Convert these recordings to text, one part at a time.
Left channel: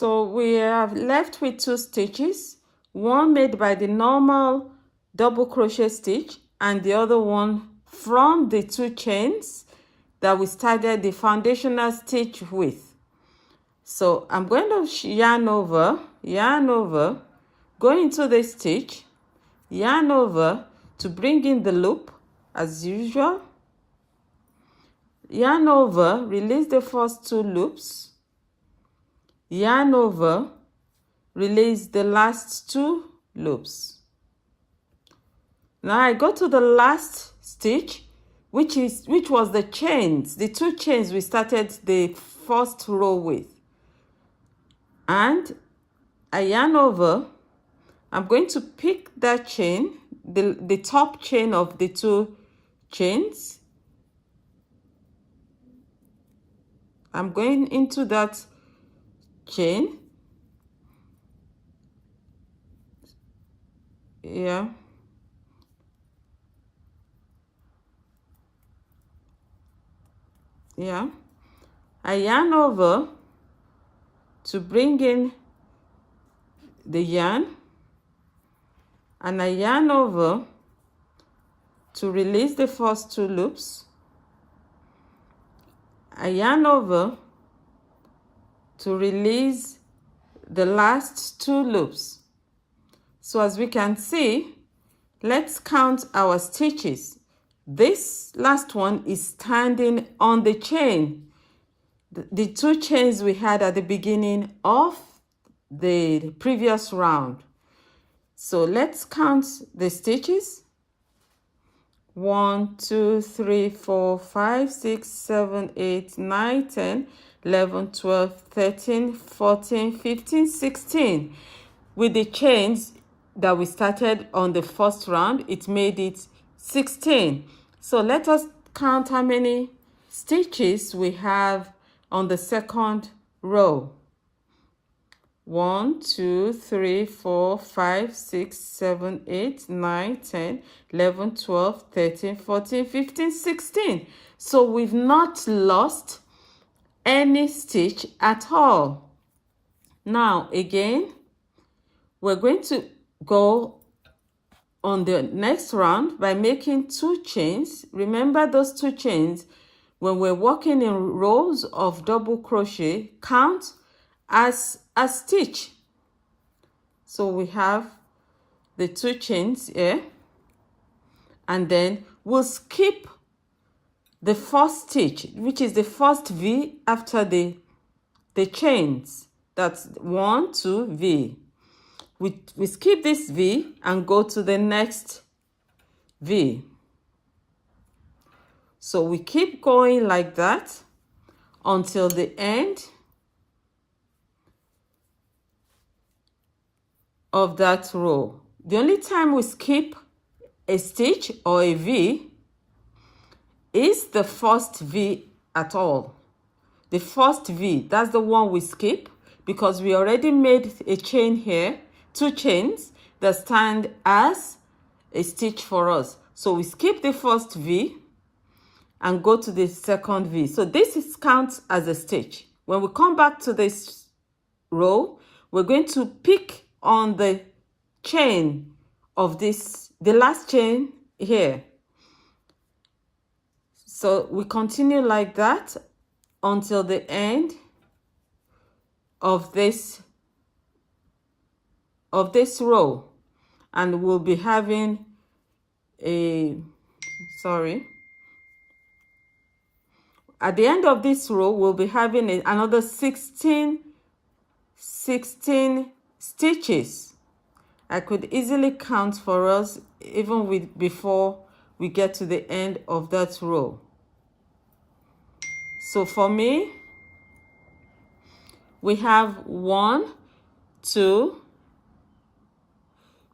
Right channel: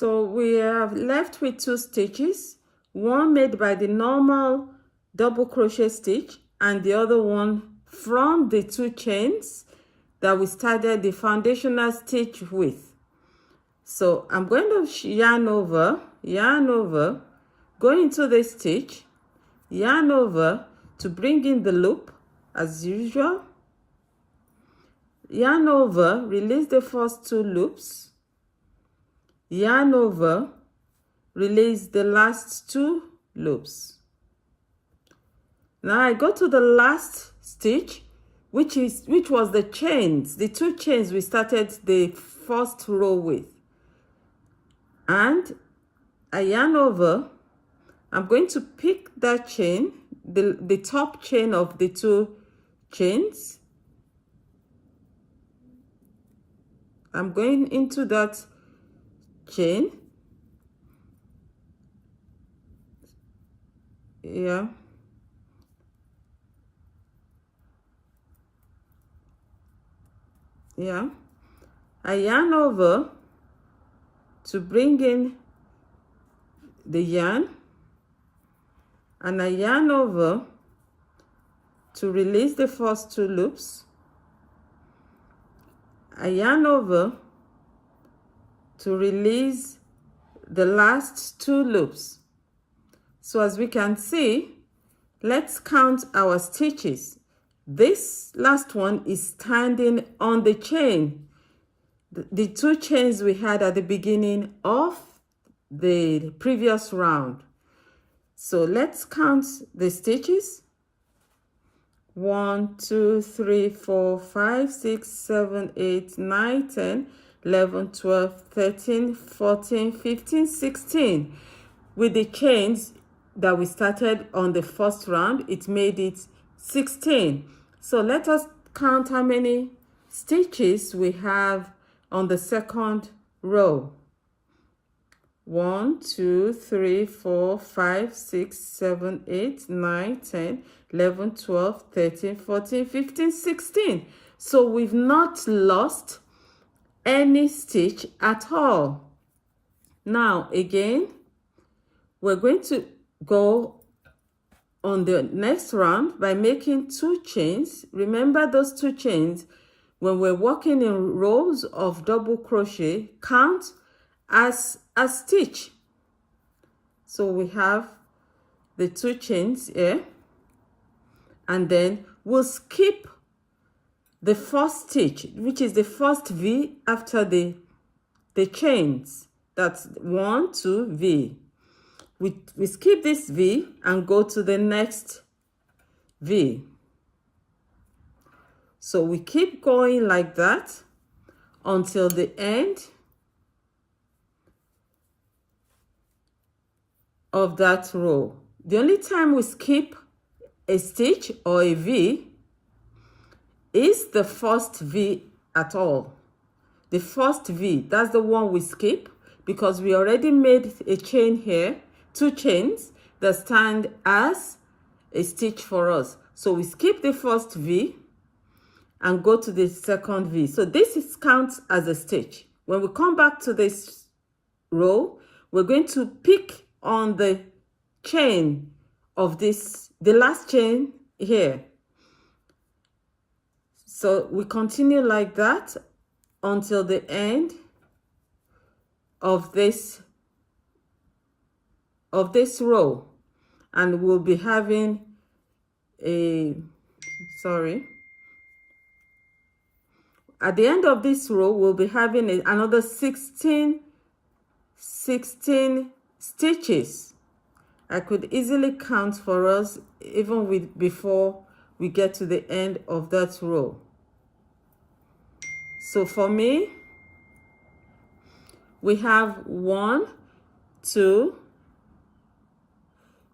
So we have left with 2 stitches, one made by the normal double crochet stitch and the other one from the 2 chains that we started the foundational stitch with. So I'm going to yarn over, go into the stitch, yarn over to bring in the loop as usual, yarn over, release the first 2 loops, yarn over, release the last 2 loops. Now I go to the last stitch, which was the chains, the 2 chains we started the first row with, and I yarn over. I'm going to pick that chain, the top chain of the 2 chains. I'm going into that chain. Yeah. I yarn over to bring in the yarn, and I yarn over to release the first 2 loops. I yarn over to release the last 2 loops. So as we can see, let's count our stitches. This last one is standing on the chain, the 2 chains we had at the beginning of the previous round. So let's count the stitches. 1, 2, 3, 4, 5, 6, 7, 8, 9, 10, 11, 12, 13, 14, 15, 16. With the chains that we started on the first round, it made it 16. So let us count how many stitches we have on the second row. 1, 2, 3, 4, 5, 6, 7, 8, 9, 10, 11, 12, 13, 14, 15, 16. So we've not lost any stitch at all. Now again, we're going to go on the next round by making 2 chains. Remember those 2 chains, when we're working in rows of double crochet, count as a stitch. So we have the 2 chains here, and then we'll skip the first stitch, which is the first V after the chains. That's 1, 2, V. We skip this V and go to the next V. So we keep going like that until the end of that row. The only time we skip a stitch or a V is the first V at all. The first V, that's the one we skip because we already made a chain here, 2 chains that stand as a stitch for us. So we skip the first V and go to the second V. So this is counts as a stitch. When we come back to this row, we're going to pick on the chain of this, the last chain here. So we continue like that until the end of this row, and we'll be having at the end of this row we'll be having another 16 stitches. I could easily count for us even before we get to the end of that row. So for me, we have 1, 2,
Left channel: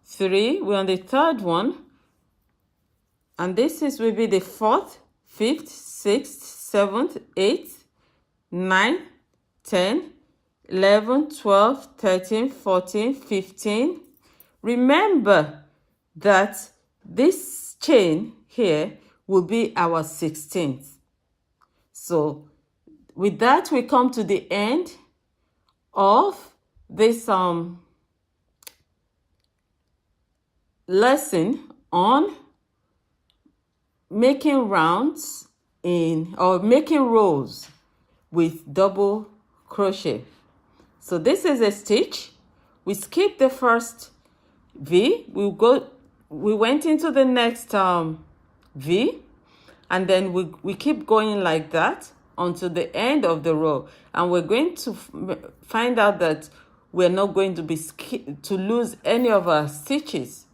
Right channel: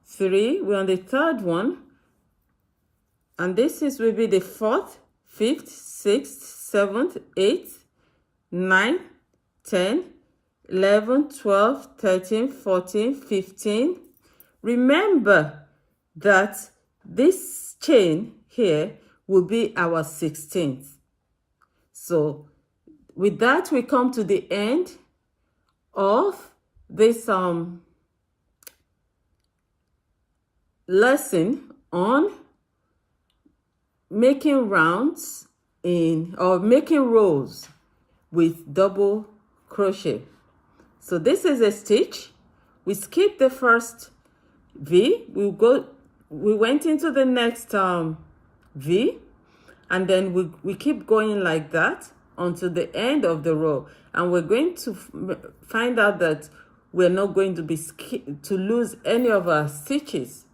3. We're on the 3rd one, and this will be the 4th, 5th, 6th, 7th, 8th, 9th, 10th, 11th, 12th, 13th, 14th, 15th. Remember that this chain here will be our 16th. So with that, we come to the end of this lesson on making rounds or making rows with double crochet. So this is a stitch. We skip the first V. We went into the next V, and then we keep going like that until the end of the row, and we're going to find out that we're not going to lose any of our stitches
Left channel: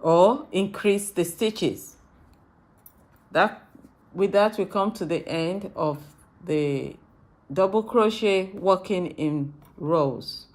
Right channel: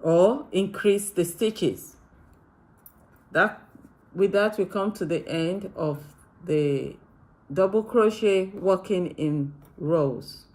or increase the stitches. With that, we come to the end of the double crochet working in rows.